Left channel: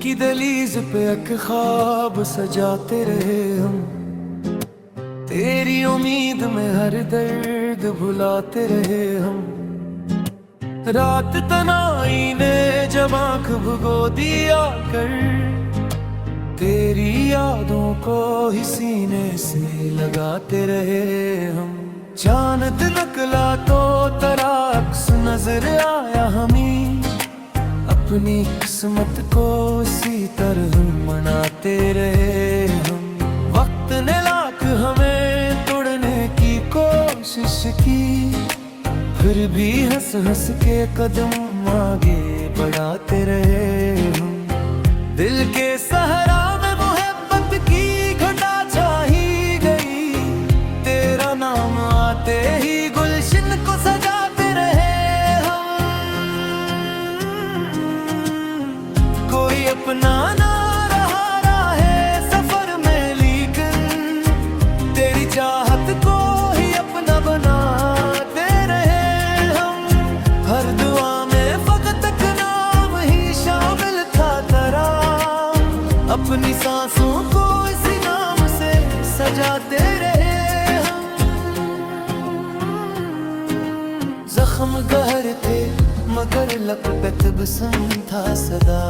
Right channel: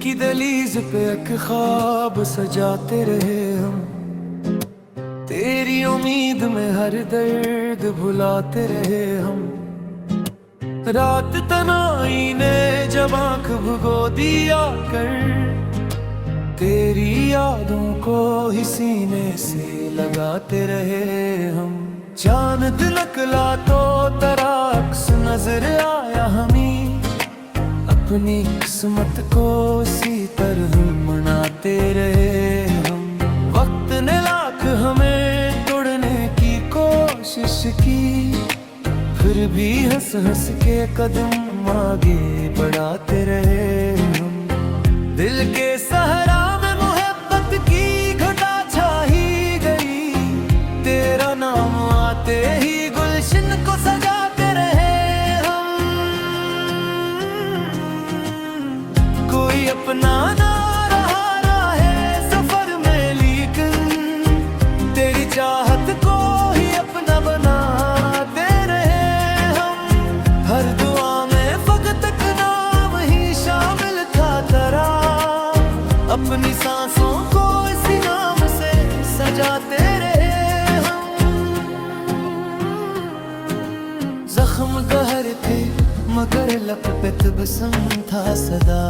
की दहलीज पे एक ख्वाब सजाते रहे हम, तेरी उम्मीद में हर दर्द भुलाते रहे हम। रात तनाई ने जब आंख भुगो दिया कर, तेरी यादों को ही सीने से लगाते रहे हम। चांद निकला तो तेरा अक्स नजर आया हमें, अपनी किस्मत को इसी तरह मनाते रहे हम। वक्त ने लाख हमें तोड़ने की कोशिश की, फिर भी हंस हंस के कदम आगे बढ़ाते रहे हम। दिल के सहरा में मोहब्बत की घटा छाई गई, तेरा नाम आते ही गुलशन को सजाते रहे हम। कोई अपना ना रहा राहे सफर में, लेकिन तेरी चाहत को ही अपना बनाते रहे हम। हर दुआ में फकत एक नाम ही शामिल था तेरा, अपनी सांसों को इसी नाम से सजाते रहे हम। जख्म गहरे थे मगर लब पे तबस्सुम था सदा,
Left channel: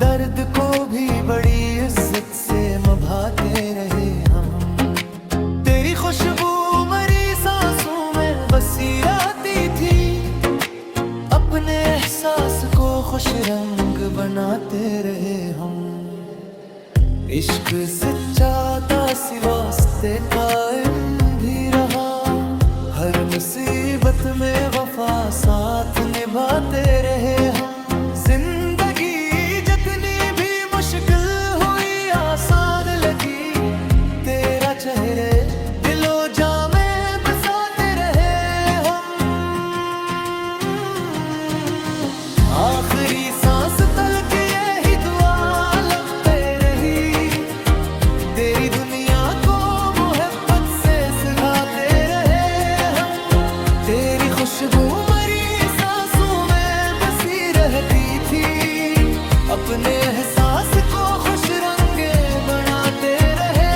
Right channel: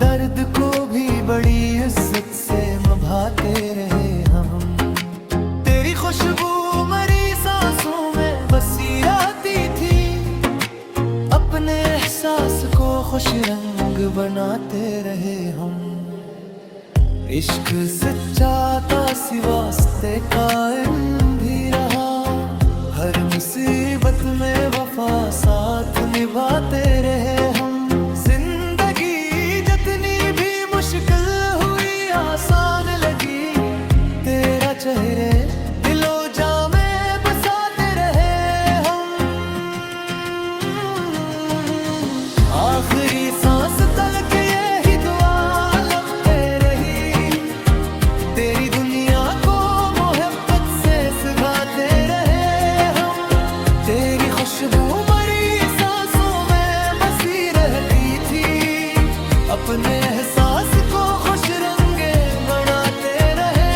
दर्द को भी बड़ी इज्जत से निभाते रहे हम। तेरी खुशबू मरी सांसों में बसी रहती थी, अपने एहसास को खुश रंग बनाते रहे हम। इश्क सच्चा था सिवास्ते कायम भी रहा, हर मुसीबत में वफा साथ निभाते रहे हम। जिंदगी जितनी भी मुश्किल हुई आसान लगी, तेरा चेहरे दिलो जा में बसाते रहे हम। आखिरी सांस तलक यही दुआ लब पे रही, तेरी दुनिया को मोहब्बत से सगाते रहे हम। तेरी खुशबू मरी सांसों में बसी रहती थी, अपने एहसास को खुश रंगे बनाते रहे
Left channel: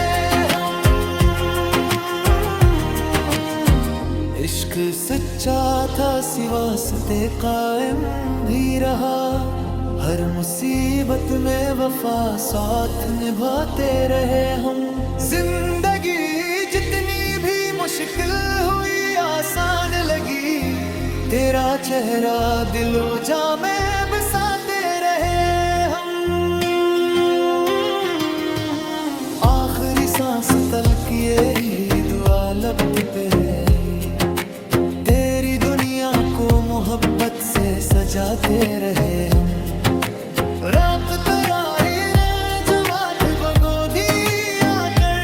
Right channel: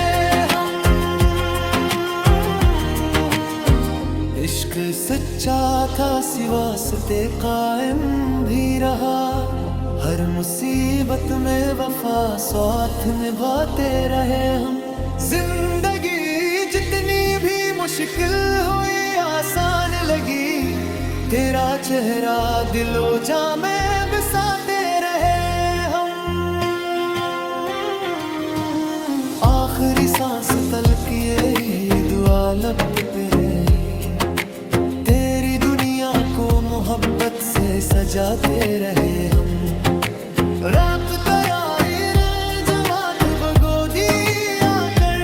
हम। इश्क सच्चा था सिवास्ते कायम भी रहा, हर मुसीबत में वफा साथ निभाते रहे हम। जिंदगी जितनी भी मुश्किल हुई आसान लगी, तेरा चेहरा दिलो जा में बसाते रहे हम। आखिरी सांस तलक यही दुआ लब पे रही, तेरी दुनिया को मोहब्बत से सजाते रहे हम। रात तराही ने जवात भगो दिया कर,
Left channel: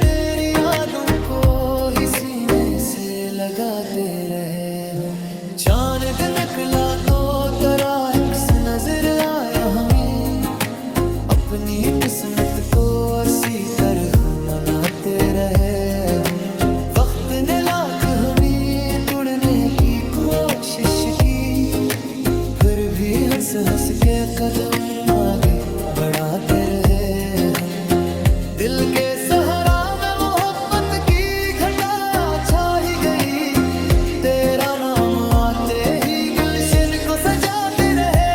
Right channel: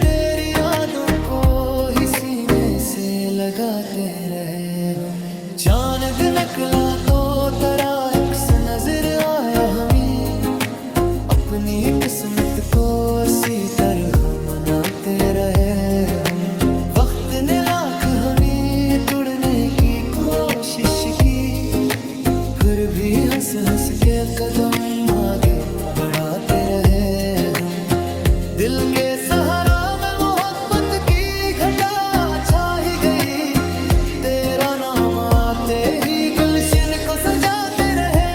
तेरी यादों को ही सीने से लगाते रहे हम। चांद निकला तो तेरा अक्स नजर आया हमें, अपनी किस्मत को इसी तरह मनाते रहे हम। वक्त ने लाख हमें तोड़ने की कोशिश की, फिर भी हंस हंस के कदम आगे बढ़ाते रहे हम। दिल के सहारा में मोहब्बत की घटा छा ही गई, तेरा नाम आते ही गुलशन को सजाते रहे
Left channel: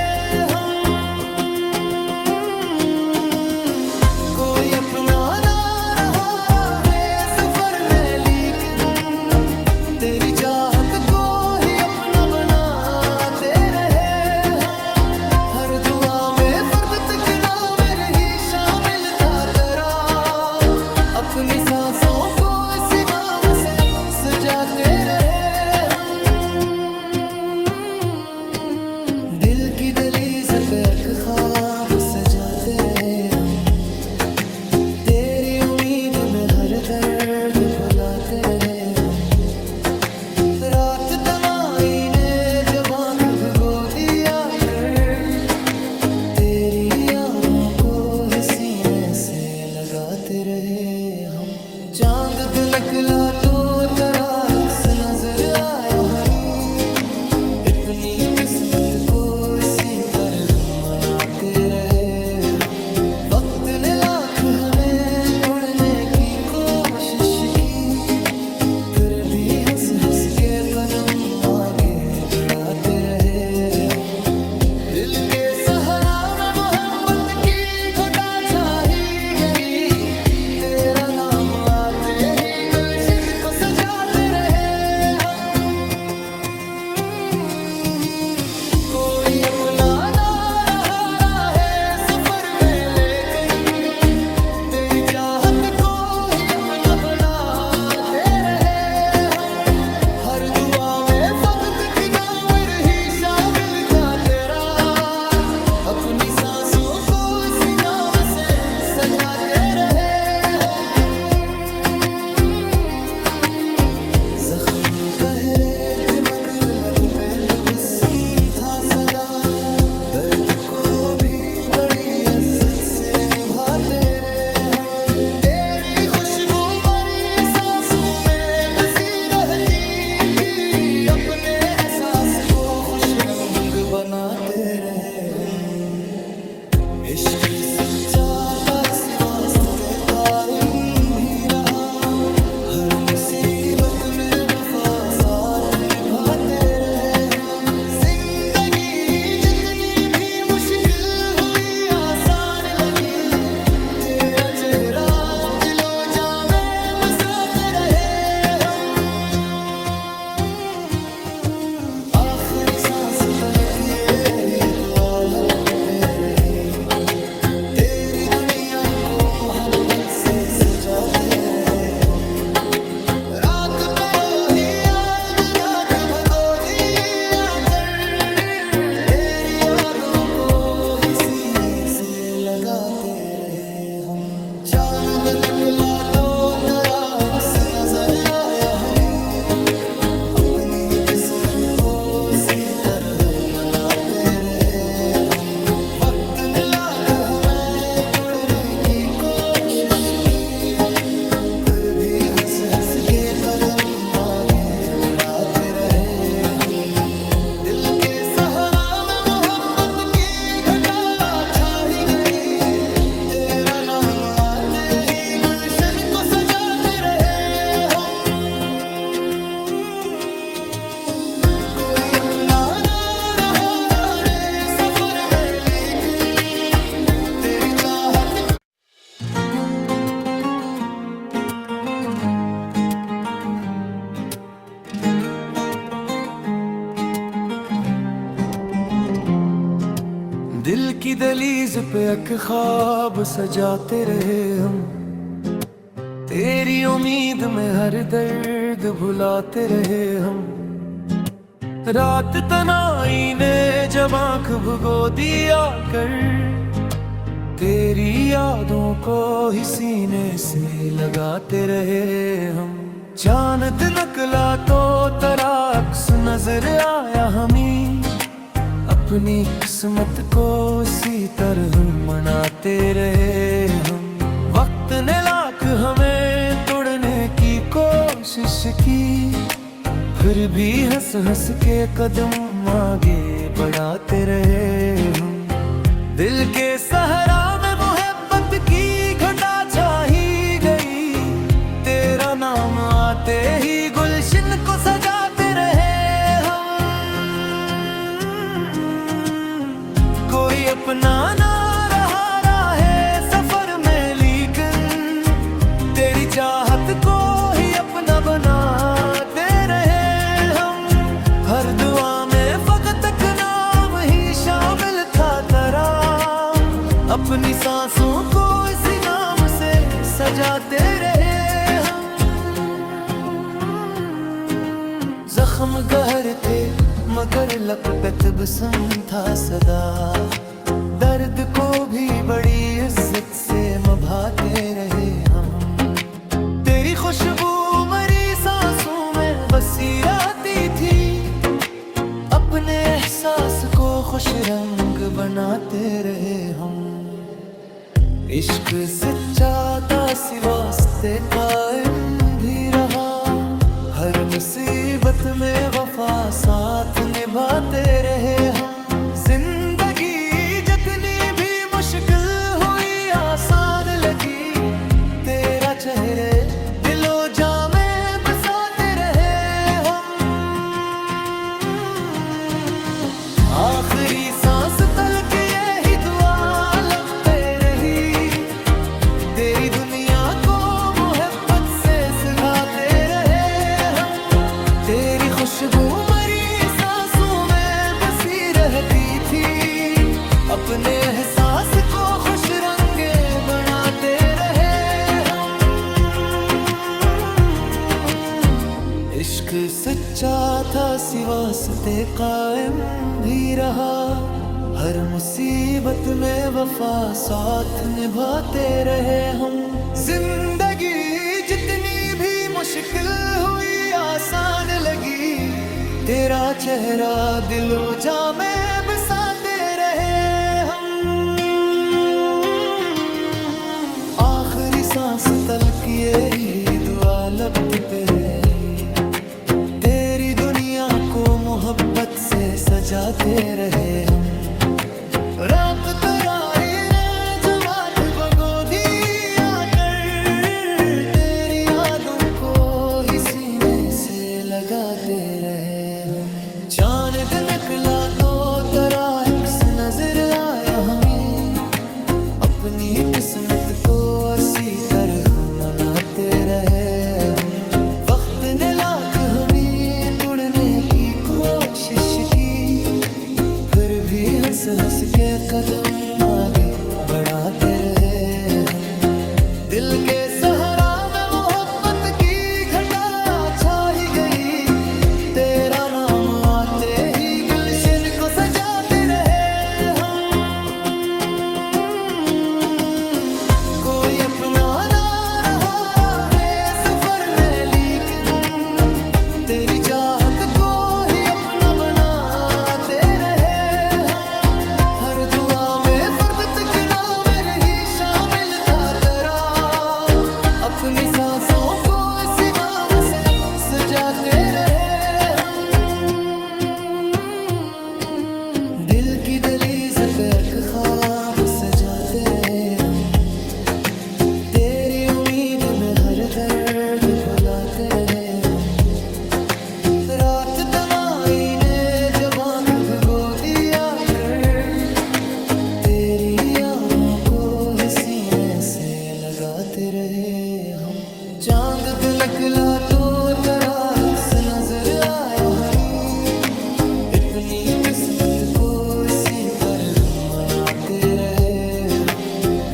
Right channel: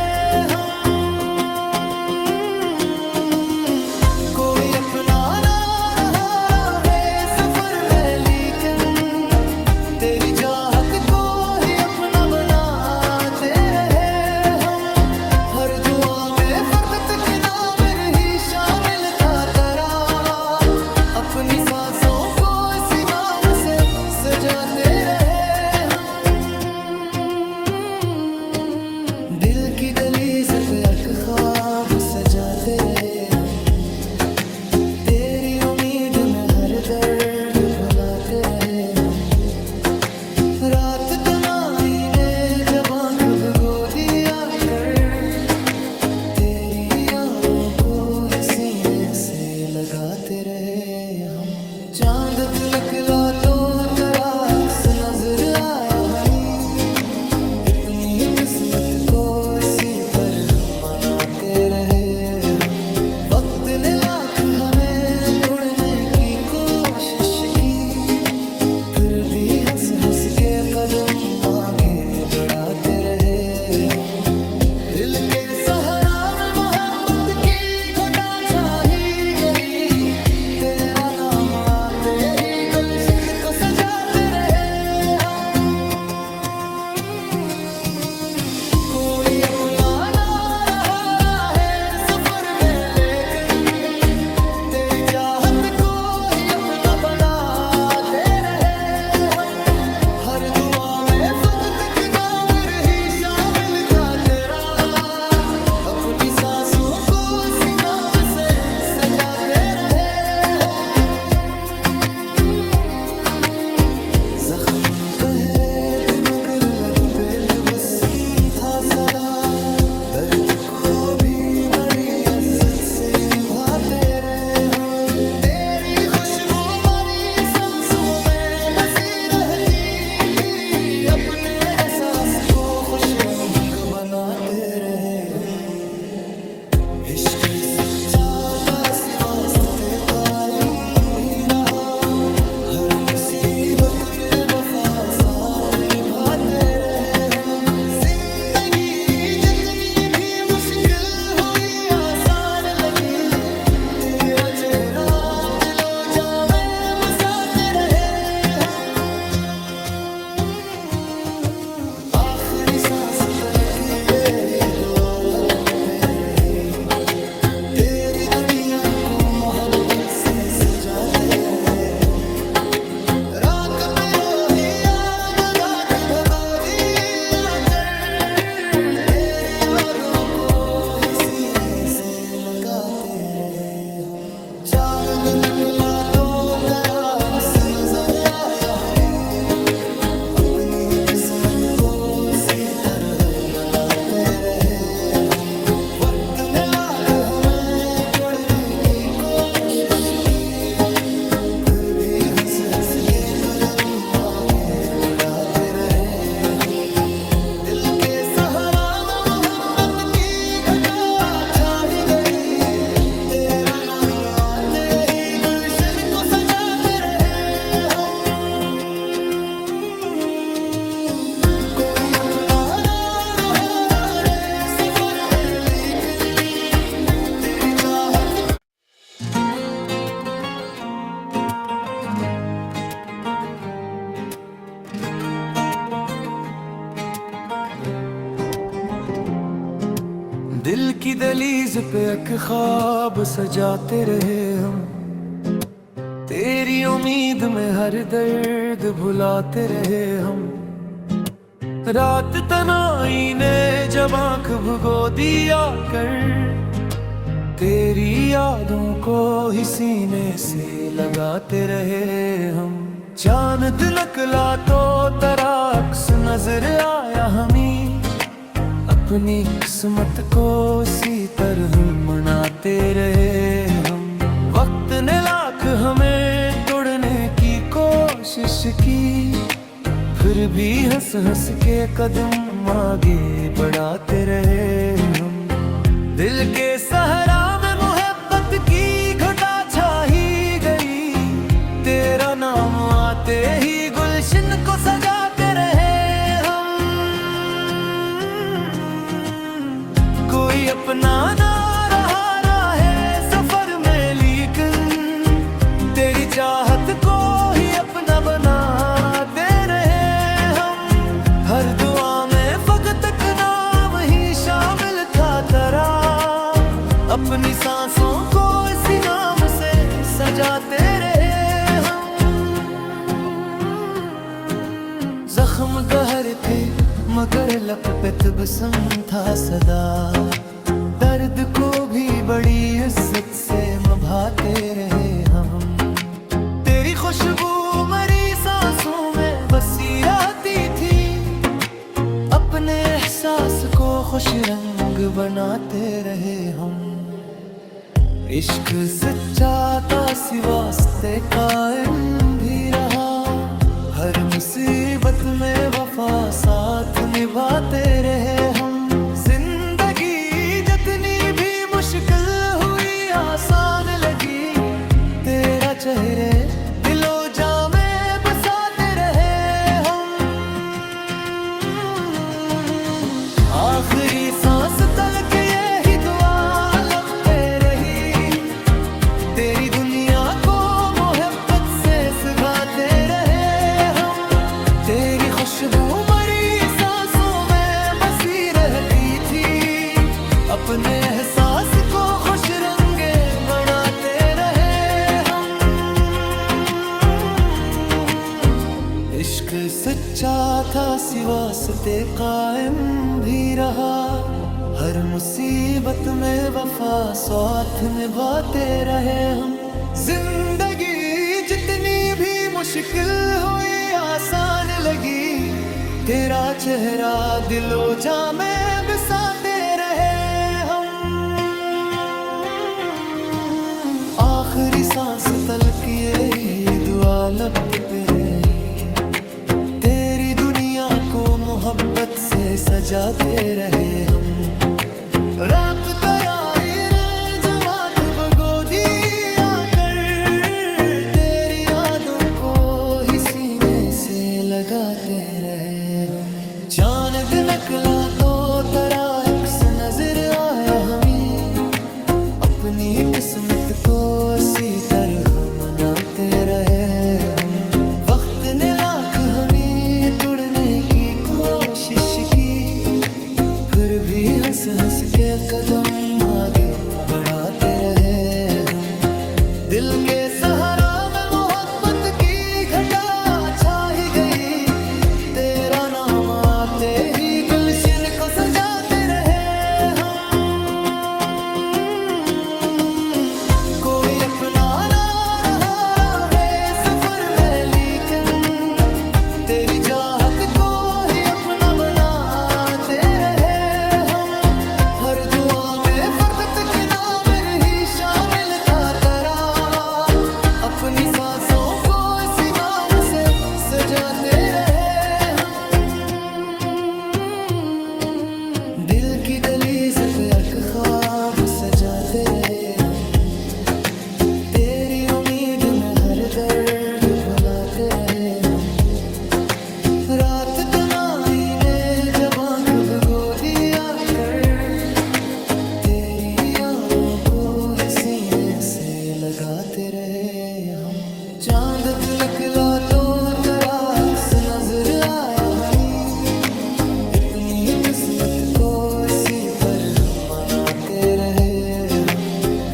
हम। कोई अपना ना रहा राहे सफर में, लेकिन तेरी चाहत को ही अपना बनाते रहे हम। हर दुआ में फर्द तक नाम रही शामिल था तेरा, अपनी सांसों को इसी नाम से सजाते रहे हम। दिल की दहलीज पे एक ख्वाब सजाते रहे हम, तेरी उम्मीद में हर दर्द भुलाते रहे हम। रात तनाई ने जब आंख भुगो दिया कर, तेरी यादों को ही सीने से लगाते रहे हम। चांद निकला तो तेरा अक्स नजर आया हमें, अपनी किस्मत को इसी तरह मनाते रहे हम। वक्त ने लाख हमें तोड़ने की कोशिश की, फिर भी हंस हंस के कदम आगे बढ़ाते रहे हम। दिल के सहारा में मोहब्बत की घटा छाई गई, तेरा नाम आते ही गुलशन को सजाते रहे हम। कोई अपना ना रहा है सफर में, लेकिन तेरी चाहत को ही अपना बनाते रहे हम। हर दुआ में फकत एक नाम रही शामिल था तेरा, अपनी सांसों को इसी नाम से सजाते रहे हम। जख्म गहरे थे मगर लब पे तबस्सुम था सदा, दर्द को भी बड़ी इज्जत से निभाते रहे हम। तेरी खुशबू हमारी सांसों में बसी रहती थी, अपने एहसास को खुश रंग बनाते रहे हम। इश्क सच्चा पास वास्ते कायम भी रहा, हर मुसीबत में वफा साथ निभाते रहे हम। जिंदगी जितनी भी मुश्किल हुई आसान लगी, तेरा चेहरा दिलो जा में बसाते रहे हम। आखिरी सांस तक यही दुआ लब पे रही, तेरी दुनिया को मोहब्बत से सजाते रहे हम। रात पे रोही याद रात भगो दिया कर, तेरी यादों को ही सीने से लगाते रहे हम। चांद निकला तो तराक्स नजर आया हमें, अपनी किस्मत को इसी तरह मनाते रहे हम। वक्त ने लाख हमें तोड़ने की कोशिश की, फिर भी हंस हंस के कदम आगे बढ़ाते रहे हम। दिल के सहारा में मोहब्बत की घटा छाई गई, तेरा नाम आते ही गुलशन को सजाते रहे हम। कोई अपना ना रहा रे सफर में, लेकिन तेरी चाहत दिल की दलीज पे एक ख्वाब सजाते रहे हम। तेरी उम्मीद में हर दर्द भुलाते रहे हम। रात तनाई ने जब आंख भुगो दिया कर, तेरी यादों को ही सीने से लगाते रहे हम। चांद निकला तो तराक्स नजर आया हमें, अपनी किस्मत को इसी तरह मनाते रहे हम। वक्त ने लाख हमें तोड़ने की कोशिश की, फिर भी हंस हंस के कदम आगे बढ़ाते रहे हम। दिल के सहारा में मोहब्बत की घटा छाई गई, तेरा नाम आते ही गुलशन को सजाते रहे हम। कोई अपना ना रहा है सफर में, लेकिन तेरी चाहत को ही अपना बनाते रहे हम। हर दुआ में फकत एक नाम ही शामिल था तेरा, अपनी सांसों को इसी नाम से सजाते रहे हम। जख्म गहर थे मगर लब पे तबस्सुम था सदा, दर्द को भी बड़ी इज्जत से निभाते रहे हम। तेरी खुशबू मरी सांसों में बसी रहती थी, अपने एहसास को खुश रंग बनाते रहे हम। इश्क सच्चा था वास्ते कायम भी रहा, हर मुसीबत में वफा साथ साथ निभाते रहे हम। जिंदगी जितनी भी मुश्किल हुई आसान लगी, तेरा चेहरे दिलो जा में बसाते रहे हम। आखिरी सांस तलक यही दुआ लब पे रही, तेरी दुनिया को मोहब्बत से सगाते रहे हम। तेरी खुशबू मरी सांसों में बसी रहती थी, अपने एहसास को खुश रंगे बनाते रहे हम। इश्क सच्चा था सिवास्ते कायम भी रहा, हर मुसीबत में वफा साथ निभाते रहे हम। जिंदगी जितनी भी मुश्किल हुई आसान लगी, तेरा चेहरा दिलो जा में बसाते रहे हम। आखिरी सांस तलक यही दुआ लब पे रही, तेरी दुनिया को मोहब्बत से सजाते रहे हम। रात तराई ने जवात बगो दिया कर, तेरी यादों को ही सीने से लगाते रहे हम। चांद दिन निकला तो तेरा अक्स नजर आया हमें, अपनी किस्मत को इसी तरह मनाते रहे हम। वक्त ने लाख हमें तोड़ने की कोशिश की, फिर भी हंस हंस के कदम आगे बढ़ाते रहे हम। दिल के सहारा में मोहब्बत की घटा छा ही गई, तेरा नाम आते ही गुलशन को सजाते रहे हम। कोई अपना ना रहा है सफर में, लेकिन तेरी चाहत को ही अपना बनाते रहे हम। हर दुआ में फर्द तक नाम रही शामिल था तेरा, अपनी सांसों को इसी नाम से सजाते रहे हम। दिल की दहलीज पे एक ख्वाब सजाते रहे हम, तेरी उम्मीद में हर दर्द भुलाते रहे हम। रात तनाई ने जब आँख भिगो दिया कर, तेरी यादों को ही सीने से लगाते रहे हम। चांद पे निकला तो तेरा अक्स नजर आया हमें, अपनी किस्मत को इसी पर हम मनाते रहे हम।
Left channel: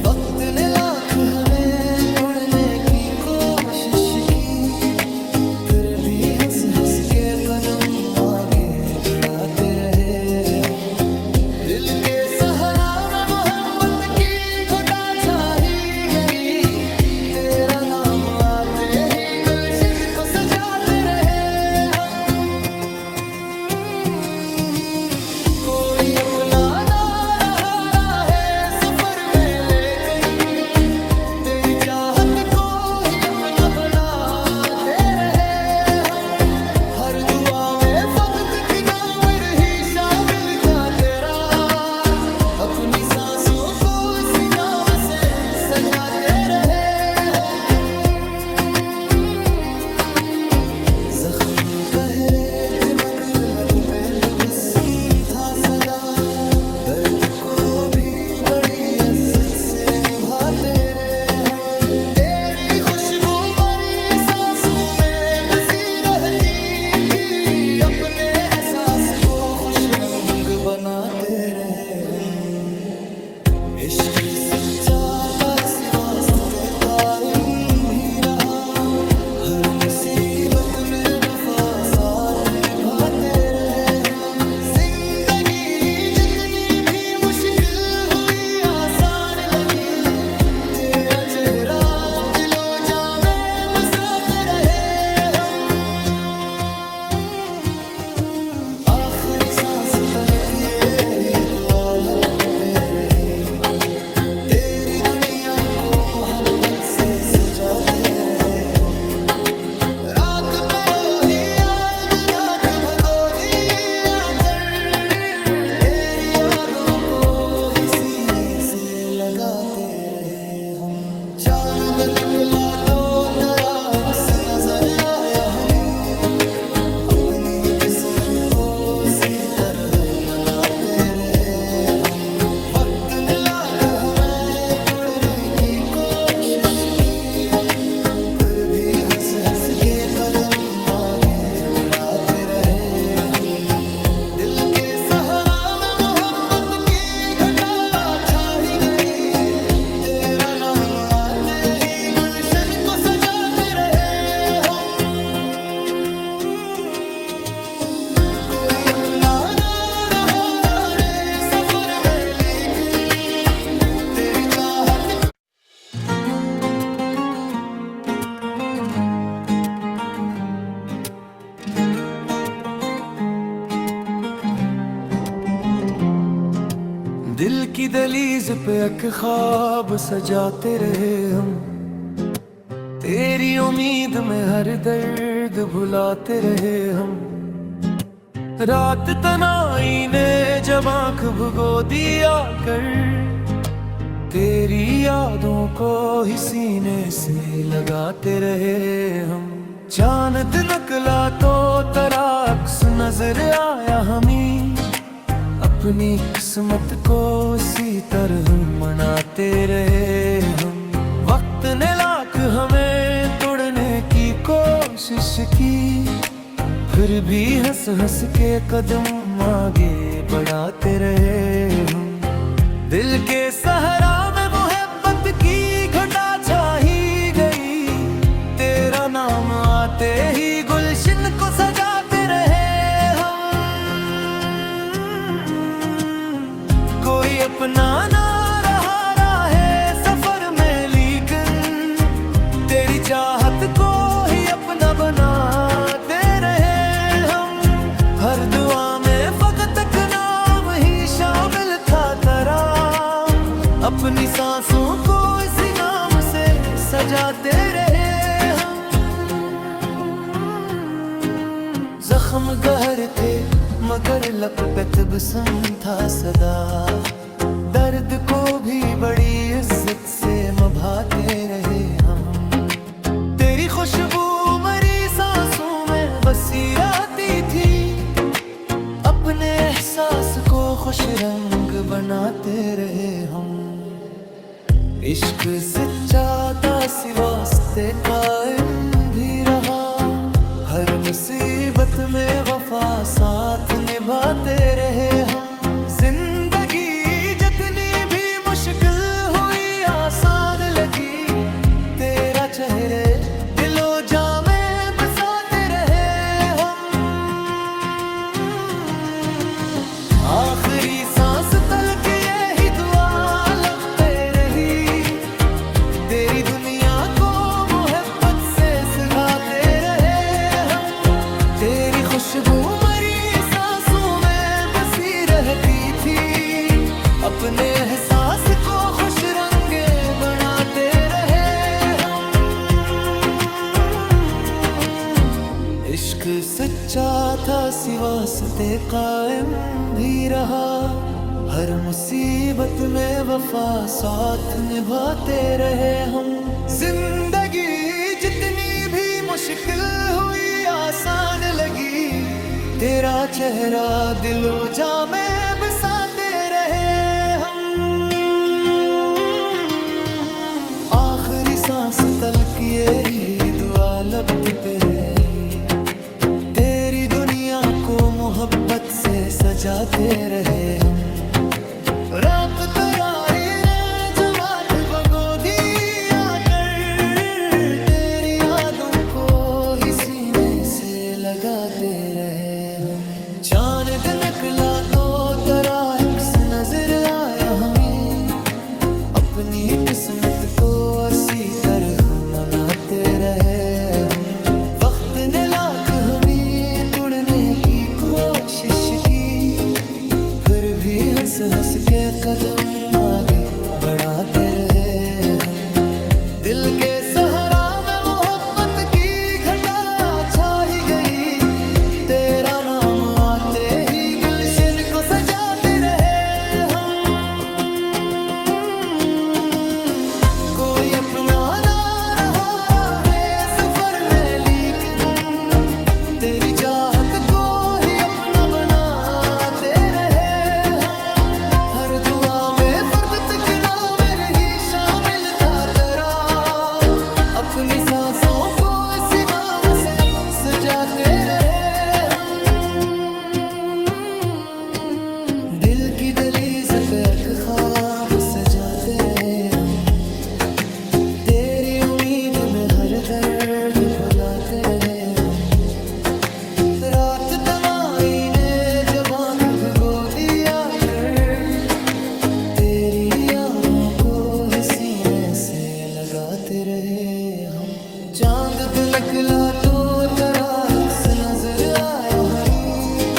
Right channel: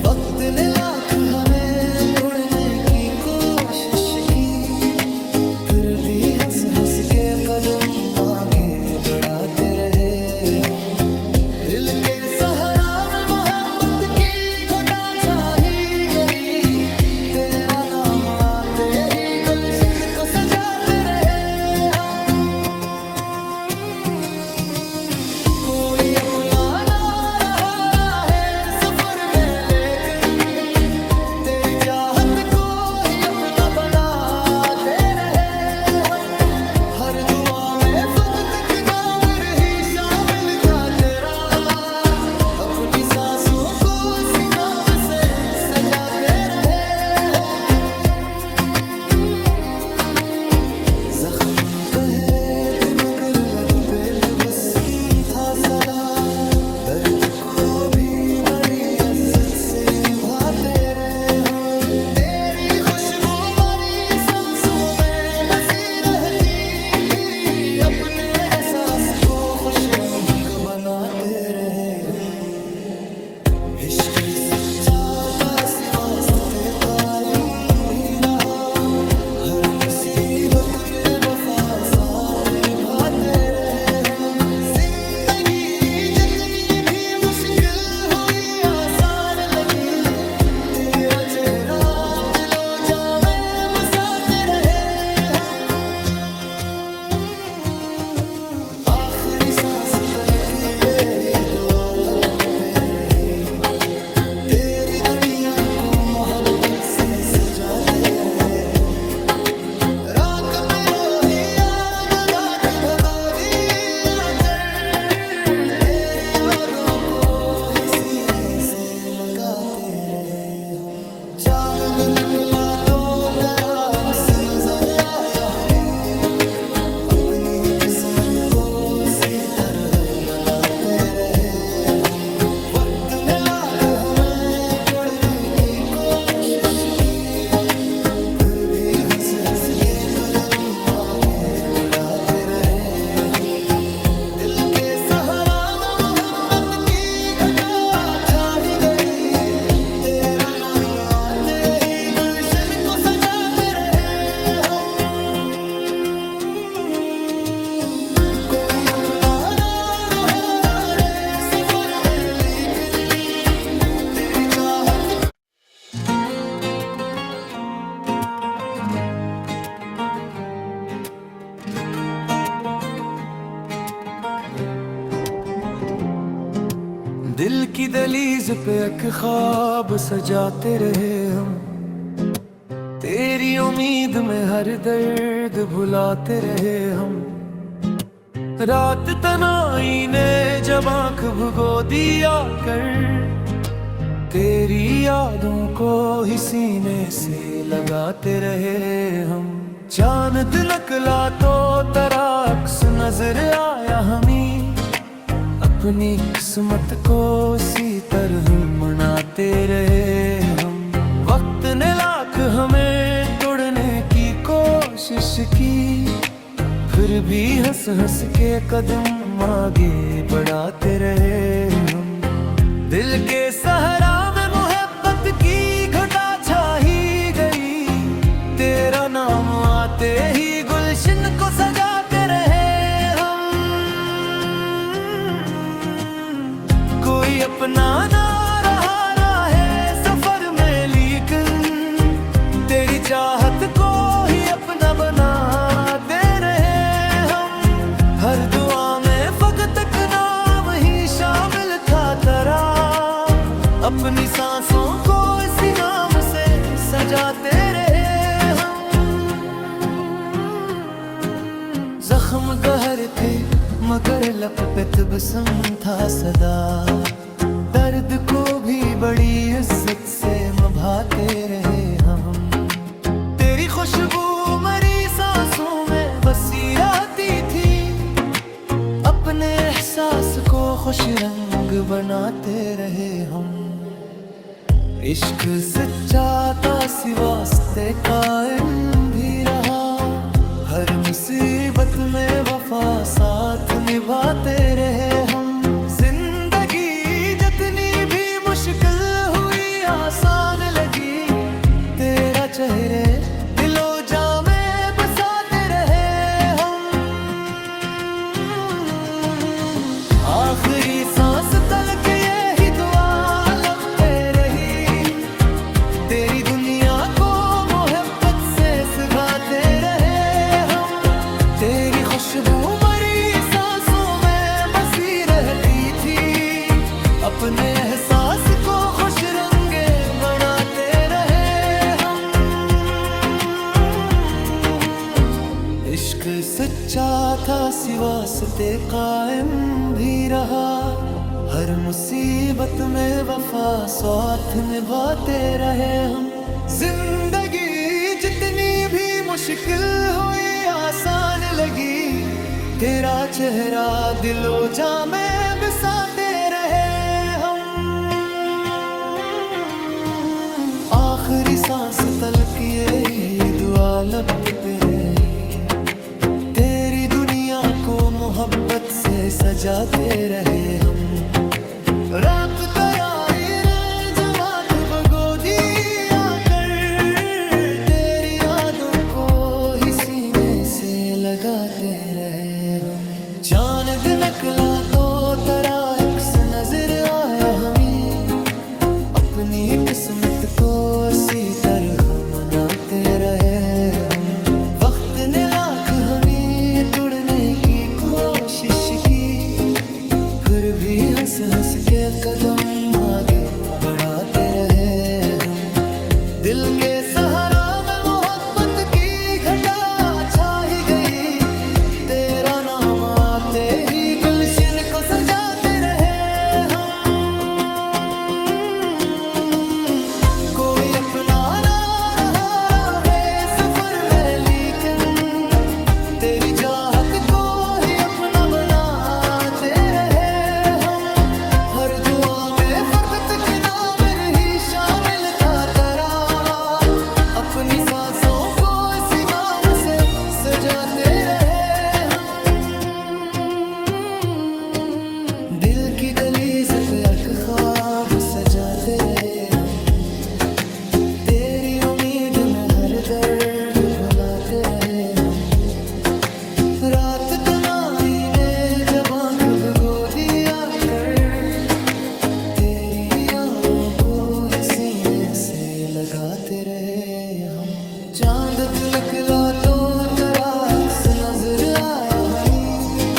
वक्त ने लाख हमें तोड़ने की कोशिश की, फिर भी हंस हंस के कदम आगे बढ़ाते रहे हम। दिल के सहारा में मोहब्बत की घटा छा ही गई, तेरा नाम आते ही गुलशन को सजाते रहे हम। कोई अपना ना रहा है सफर में, लेकिन तेरी चाहत को ही अपना बनाते रहे हम। हर दुआ में फकत एक नाम रही शामिल था तेरा, अपनी सांसों को इसी नाम से सजाते रहे हम। जख्म कह रहे थे मगर लब पे तबस्सुम था सदा, दर्द को भी बड़ी इज्जत से निभाते रहे हम। तेरी खुशबू हमारी सांसों में बसी रहती थी, अपने एहसास को खुश रंग बनाते रहे हम। इश्क सच्चा का वास्ते कायम भी रहा, हर मुसीबत में वफा साथ निभाते रहे हम। जिंदगी जितनी भी मुश्किल हुई आसान लगी, तेरा चेहरा दिलो जा में बसाते रहे हम। आखिरी सांस तलक यही दुआ लब पे रही, तेरी दुनिया को मोहब्बत से सजाते रहे हम। रात पे रोही याद डाक भगो दिया लगाते रहे हम। चांद निकला तो तेरा अक्स नजर आया हमें, अपनी किस्मत को उसी तरह मनाते रहे हम। वक्त ने लाख हमें तोड़ने की कोशिश की, फिर भी हंस हंस के कदम आगे बढ़ाते रहे हम। दिल के सहारा में मोहब्बत की घटा छा ही गई, तेरा नाम आते ही गुलशन को सजाते रहे हम। कोई अपना ना रहा रे सफर में, लेकिन तेरी चाहत दिल की दहलीज पे एक ख्वाब सजाते रहे हम, तेरी उम्मीद में हर दर्द भुलाते रहे हम। रात तनाई ने जब आंख भुगो दिया कर, तेरी यादों को ही सीने से लगाते रहे हम। चांद निकला तो तेरा अक्स नजर आया हमें, अपनी किस्मत को इसी तरह मनाते रहे हम। वक्त ने लाख हमें तोड़ने की कोशिश की, फिर भी हंस हंस के कदम आगे बढ़ाते रहे हम। दिल के सहारा में मोहब्बत की घटा छा ही गई, तेरा नाम आते ही गुलशन को सजाते रहे हम। कोई अपना ना रहा है सफर में, लेकिन तेरी चाहत को ही अपना बनाते रहे हम। हर दुआ में फकत एक नाम ही शामिल था तेरा, अपनी सांसों को इसी नाम से सजाते रहे हम। जख्म गहर थे मगर लब पे तबस्सुम था सदा, दर्द को भी बड़ी इज्जत से निभाते रहे हम। तेरी खुशबू मरी सांसों में बसी रहती थी, अपने एहसास को खुश रंग बनाते रहे हम। इश्क सच्चा था वास्ते कायम भी रहा, हर मुसीबत में वफा साथ निभाते रहे हम। जिंदगी जितनी भी मुश्किल हुई आसान लगी, तेरा चेहरे दिलो जा में बसाते रहे हम। आखिरी सांस तलक यही दुआ लब पे रही, तेरी दुनिया को मोहब्बत से सगाते रहे हम। तेरी खुशबू मरी सांसों में बसी रहती थी, अपने एहसास को खुश रंगे बनाते रहे हम। इश्क सच्चा था वास्ते कायम भी रहा, हर मुसीबत में वफा साथ निभाते रहे हम। जिंदगी जितनी भी मुश्किल हुई आसान लगी, तेरा चेहरा दिलो जा में बसाते रहे हम। आखिरी सांस तलक यही दुआ लब पे रही, तेरी दुनिया को मोहब्बत से सजाते रहे हम। रात तराई ने जमात भगो दिया कर, तेरी यादों को ही सीने से लगाते रहे हम। चांद निकला तो तेरा अक्स नजर आया हमें, अपनी किस्मत को इसी तरह मनाते रहे हम। वक्त ने लाख हमें तोड़ने की कोशिश की, फिर भी हंस हंस के कदम आगे बढ़ाते रहे हम। दिल के सहारा में मोहब्बत की घटा छा ही गई, तेरा नाम आते ही गुलशन को सजाते रहे हम। अपना ना रहा है सफर में, लेकिन तेरी चाहत को ही अपना बनाते रहे हम। हर दुआ में फर्द तक नाम ही शामिल था तेरा, अपनी सांसों को इसी नाम से सजाते रहे हम। दिल की दहलीज पे एक ख्वाब सजाते रहे हम, तेरी उम्मीद में हर दर्द भुलाते रहे हम। रात तन्हाई ने जब आँख भिगो दिया कर, तेरी यादों को ही सीने से लगाते रहे हम। चांद पे निकला तो तेरा अक्स नजर आया हमें,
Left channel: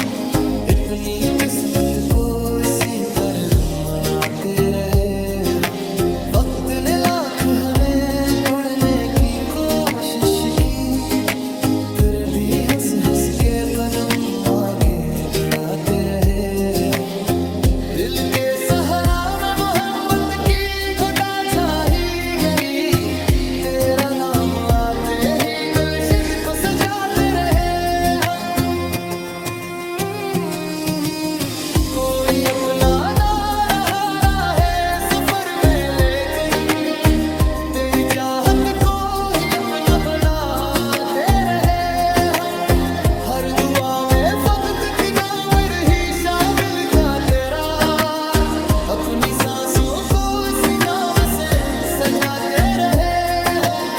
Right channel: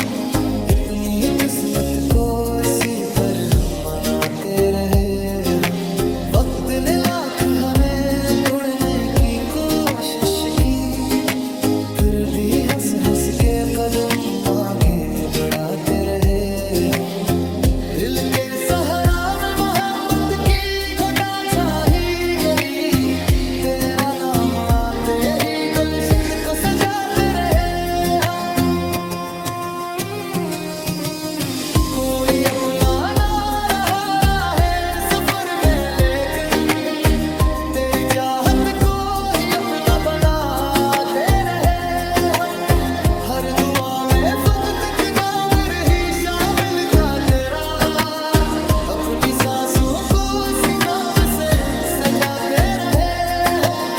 अपनी किस्मत को इसी पर हम मनाते रहे हम। वक्त ने लाख हमें तोड़ने की कोशिश की, फिर भी हंस हंस के कदम आगे बढ़ाते रहे हम। दिल के सहारा में मोहब्बत की घटा छाई गई, तेरा नाम आते ही गुलशन को सजाते रहे हम। कोई अपना ना रहा है सफर में, लेकिन तेरी चाहत को ही अपना बनाते रहे हम। हर दुआ में फकत के नाम ही शामिल था तेरा, अपनी सांसों को इसी नाम से सजाते रहे हम।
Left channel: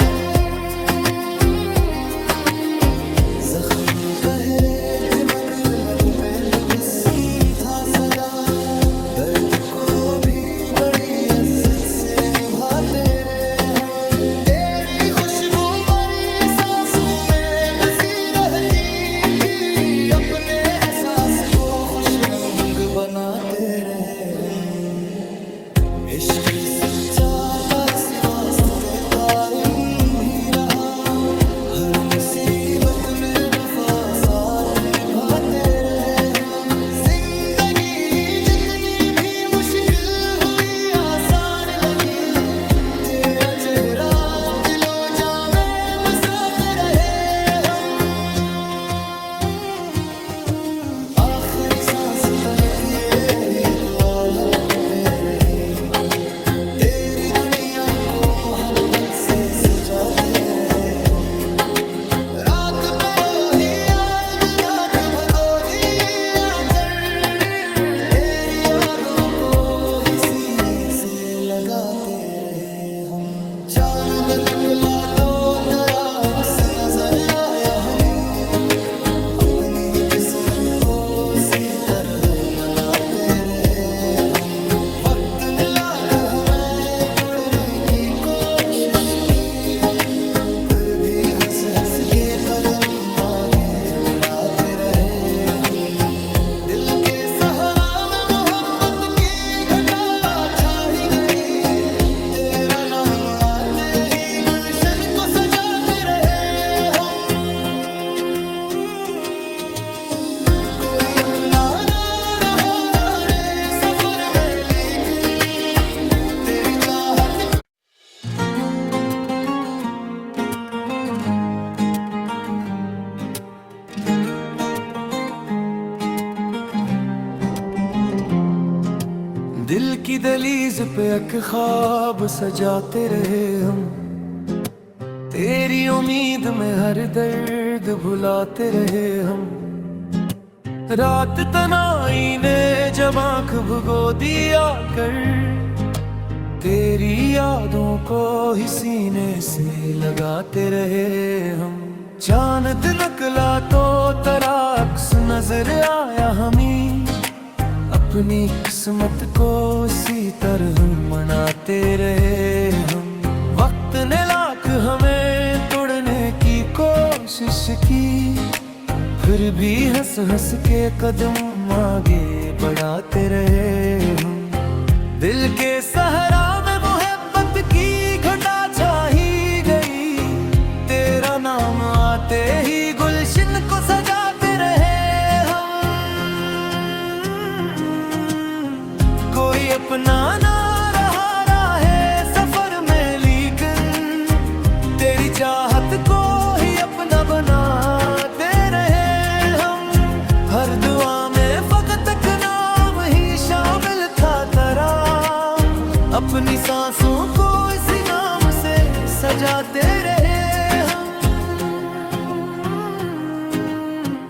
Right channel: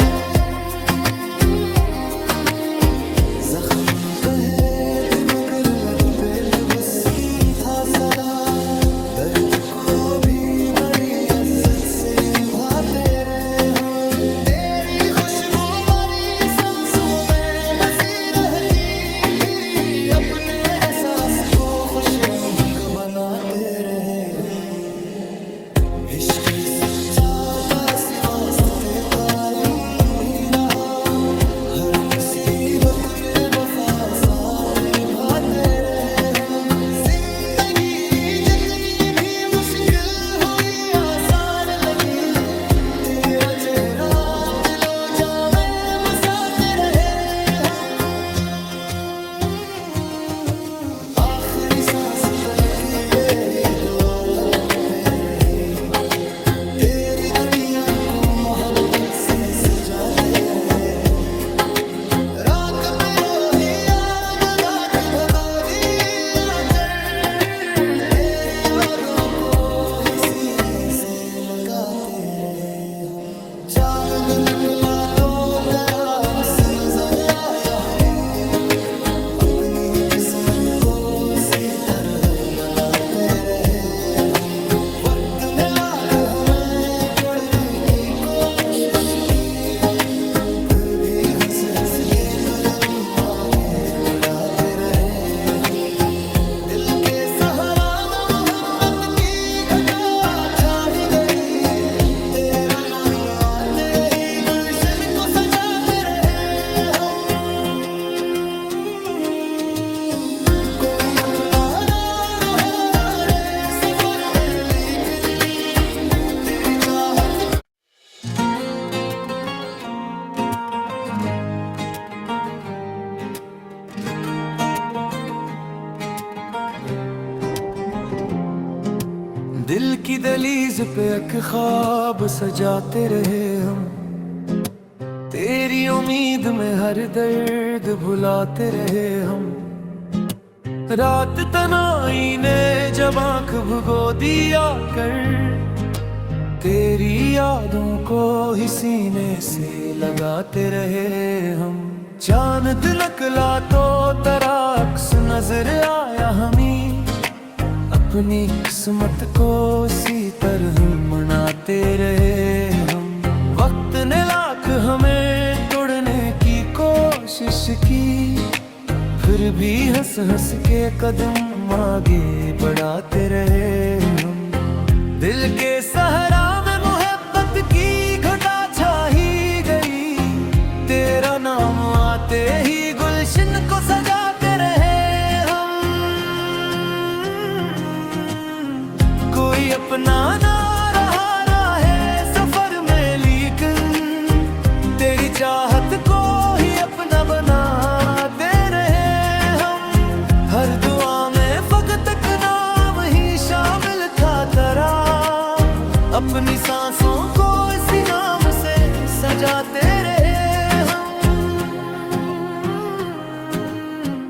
जख्म गहरे थे मगर लब पे तबस्सुम था सदा, दर्द को भी बड़ी इज्जत से निभाते रहे हम। तेरी खुशबू हमारी सांसों में बसी रहती थी, अपने एहसास को खुश रंग बनाते रहे हम। इश्क सच्चा का वास्ते कायम भी रहा, हर मुसीबत में वफा साथ निभाते रहे हम। जिंदगी जितनी भी मुश्किल हुई आसान लगी, तेरा चेहरा दिलो जा में बसाते रहे हम। आखिरी सांस तक यही दुआ लगते रही, तेरी दुनिया को मोहब्बत से सजाते रहे हम। रात पे रोही याद डाक भगो दिया कर, तेरी यादों को ही सीने से लगाते रहे हम। चांद निकला तो तेरा अक्स नजर आया हमें, अपनी किस्मत को सी तरह मनाते रहे हम। वक्त ने लाख हमें तोड़ने की कोशिश की, फिर भी हंस हंस के कदम आगे बढ़ाते रहे हम। दिल के सहारा में मोहब्बत की घटा छाई गई, तेरा नाम आते ही गुलशन को सजाते रहे हम। कोई अपना ना रहा रे सफर में, लेकिन तेरी चाहत दिल की दहलीज पे एक ख्वाब सजाते रहे हम, तेरी उम्मीद में हर दर्द भुलाते रहे हम। रात तन्हाई ने जब आँख भिगो दिया कर, तेरी यादों को ही सीने से लगाते रहे हम। चांद निकला तो तेरा अक्स नजर आया हमें, अपनी किस्मत को इसी तरह मनाते रहे हम। वक्त ने लाख हमें तोड़ने की कोशिश की, फिर भी हंस हंस के कदम आगे बढ़ाते रहे हम। दिल के सहारा में मोहब्बत की घटा छाई गई, तेरा नाम आते ही गुलशन को सजाते रहे हम। कोई अपना ना रहा है सफर में, लेकिन चाहत को ही अपना बनाते रहे हम। हर दुआ में फकत एक नाम ही शामिल था तेरा। अपनी सांसों को इसी नाम से सजाते रहे हम।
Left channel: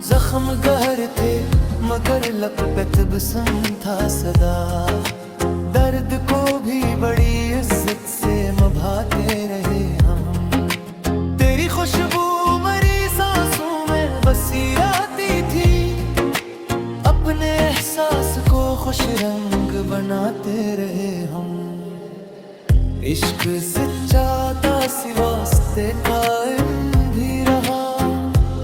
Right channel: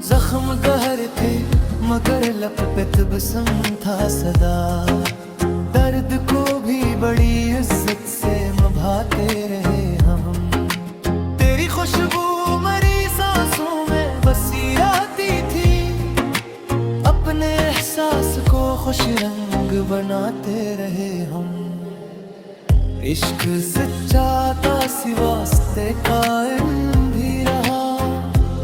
जख्म गहर थे मगर लब पे तबस्सुम था सदा। दर्द को भी बड़ी इज्जत से निभाते रहे हम। तेरी खुशबू मरी सांसों में बसी रहती थी। अपने एहसास को खुश रंग बनाते रहे हम। इश्क सच्चा था सिवास्ते कायम भी रहा।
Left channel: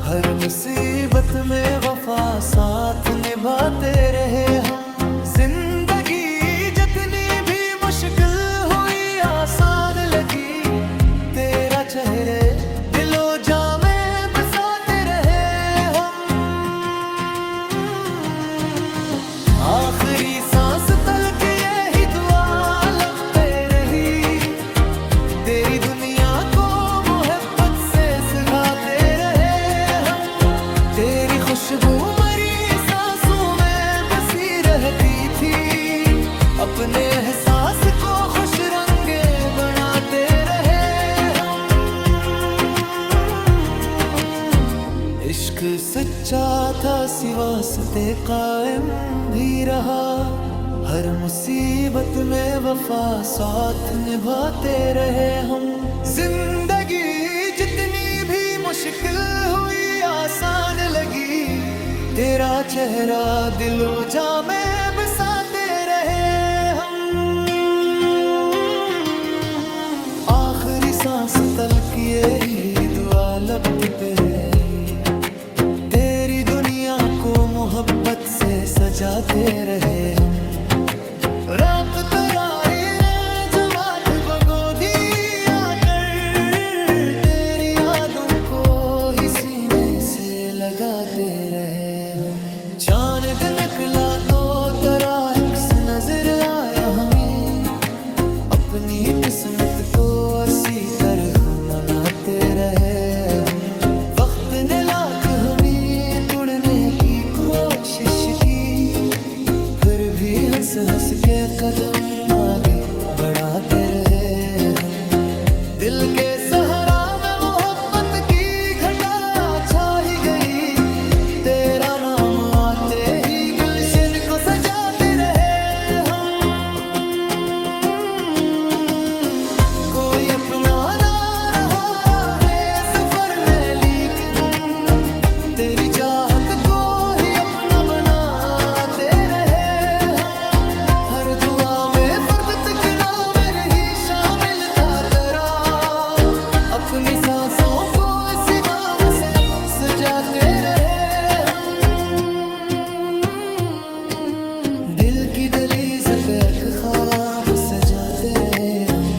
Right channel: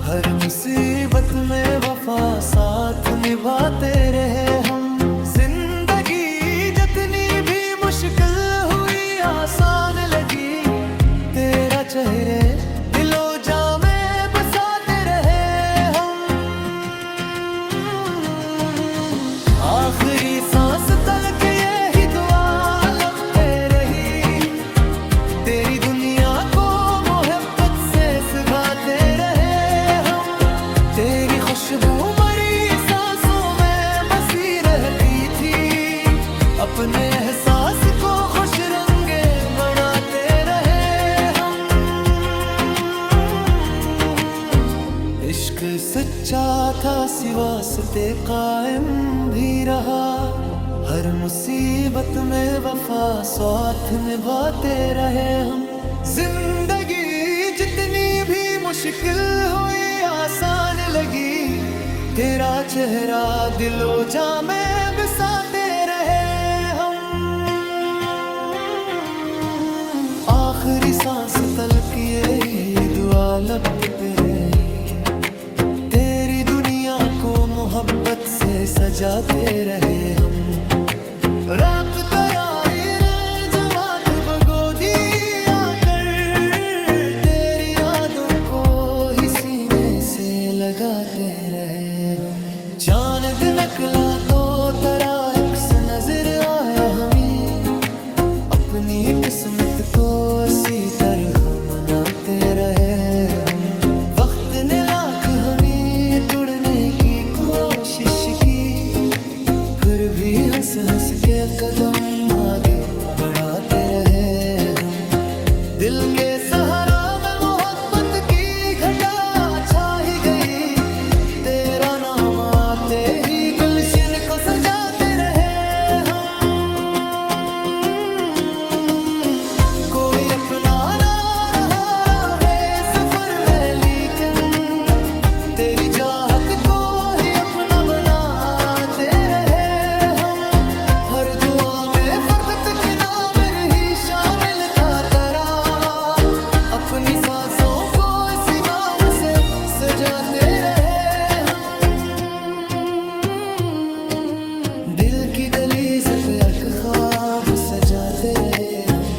हर मुसीबत में वफा साथ निभाते रहे हम। जिंदगी जितनी भी मुश्किल हुई आसान लगी। तेरा चेहरे दिलो जा में बसाते रहे हम। आखिरी सांस तलक यही दुआ लब पे रही। तेरी दुनिया को मोहब्बत से सिखाते रहे हम। तेरी खुशबू मरी सांसों में बसी रहती थी। अपने एहसास को खुश रंगे बनाते रहे हम। इश्क सच्चा था सिवास्ते कायम भी रहा। हर मुसीबत में वफा साथ निभाते रहे हम। जिंदगी जितनी भी मुश्किल हुई आसान लगी। तेरा चेहरा दिलो जा में बसाते रहे हम। आखिरी सांस तलक यही दुआ लब पे रही। तेरी दुनिया को मोहब्बत से सजाते रहे हम। रात तराही ने जमात बगो दिया कर। तेरी यादों को ही सीने से लगाते रहे हम। चांद निकला तो तेरा अक्स नजर आया हमें। अपनी किस्मत को इसी तरह मनाते रहे हम। वक्त ने लाख हमें तोड़ने की कोशिश की। फिर भी हंस हंस के कदम आगे बढ़ाते रहे हम। दिल के सहारा में मोहब्बत की घटा छा ही गई। तेरा नाम आते ही गुलशन को सजाते रहे हम। कोई अपना ना रहा है सफर में, लेकिन तेरी चाहत को ही अपना बनाते रहे हम। हर दुआ में फर्द के नाम रही शामिल था तेरा। अपनी सांसों को इसी नाम से सजाते रहे हम। दिल की दहलीज पे एक ख्वाब सजाते रहे हम।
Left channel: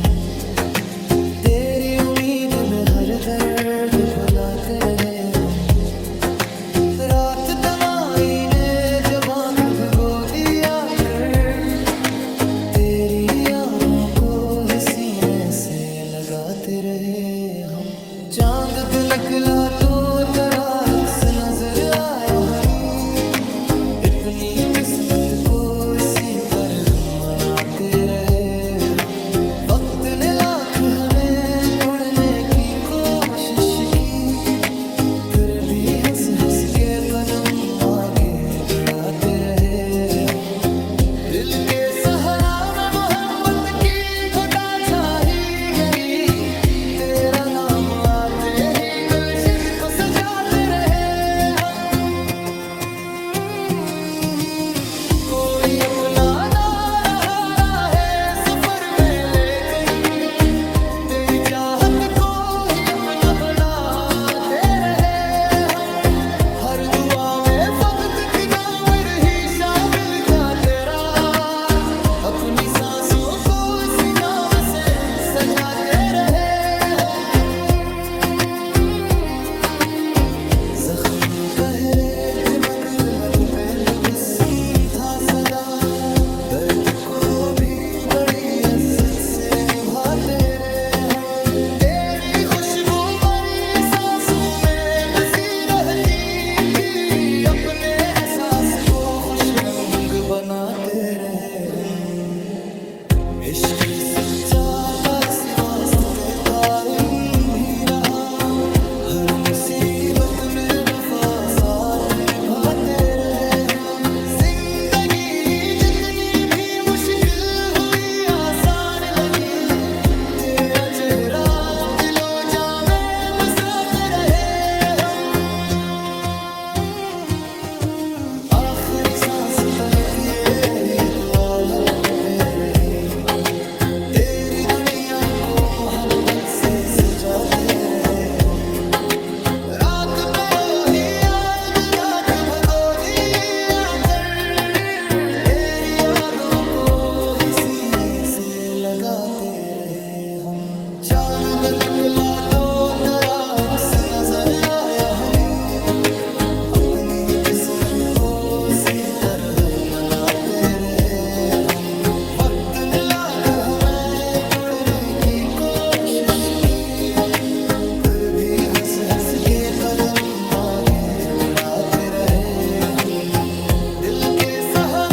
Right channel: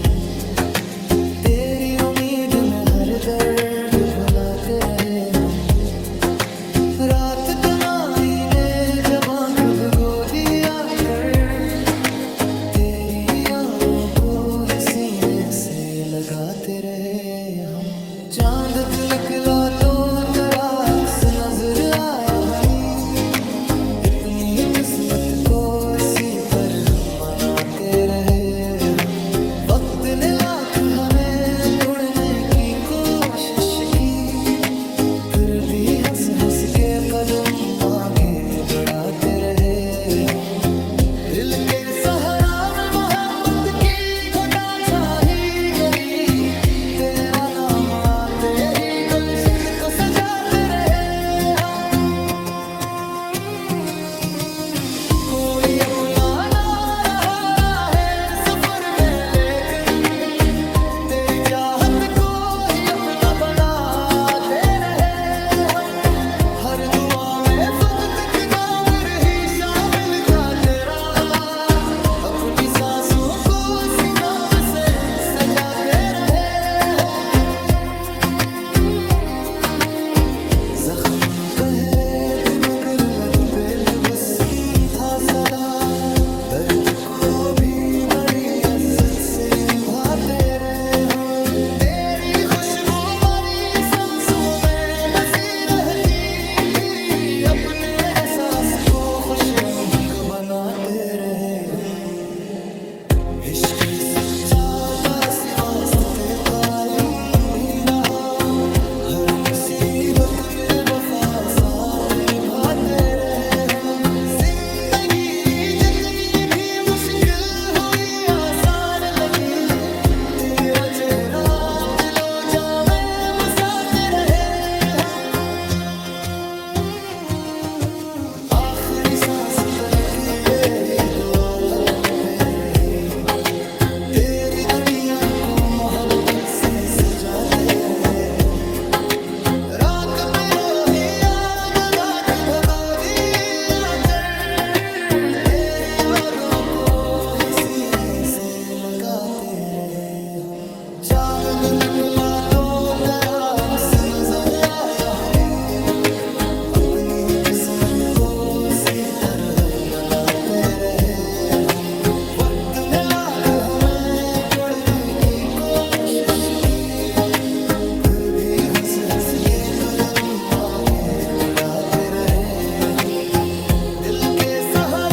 तेरी उम्मीद में हर दर्द भुलाते रहे हम। रात तनाई ने जब आँख भिगो दिया कर। तेरी यादों को ही सीने से लगाते रहे हम। चांद निकला तो तेरा अक्स नजर आया हमें। अपनी किस्मत को इसी तरह मनाते रहे हम। वक्त ने लाख हमें तोड़ने की कोशिश की। फिर भी हंस हंस के कदम आगे बढ़ाते रहे हम। दिल के सहारा में मोहब्बत की घटा छा ही गई। तेरा नाम आते ही गुलशन को सजाते रहे हम। कोई अपना ना रहा है सफर में, लेकिन तेरी चाहत को ही अपना बनाते रहे हम। हर दुआ में फकत एक नाम रही शामिल था तेरा। अपनी सांसों को इसी नाम से सजाते रहे हम। जख्म गहरे थे मगर लब पे तबस्सुम था सदा। दर्द को भी बड़ी इज्जत से निभाते रहे हम। तेरी खुशबू खुश रंग बनाते रहे हम। इश्क सच्चा काशी वास्ते कायम भी रहा, हर मुसीबत में वफा साथ निभाते रहे हम। जिंदगी जितनी भी मुश्किल हुई आसान लगी, तेरा चेहरा दिलो जा में बसाते रहे हम। आखिरी सांस तक यही दुआ लगते रही, तेरी दुनिया को मोहब्बत से सजाते रहे हम। रात पे रोही याद डाक भगो दिया कर, तेरी यादों को ही सीने से लगाते रहे हम। चांद निकला तो तराक्स नजर आया हमें, अपनी किस्मत को सी तरह मनाते रहे हम। वक्त ने लाख हमें तोड़ने की कोशिश की, फिर भी हंस हंस के कदम आगे बढ़ाते रहे हम। दिल के सहारे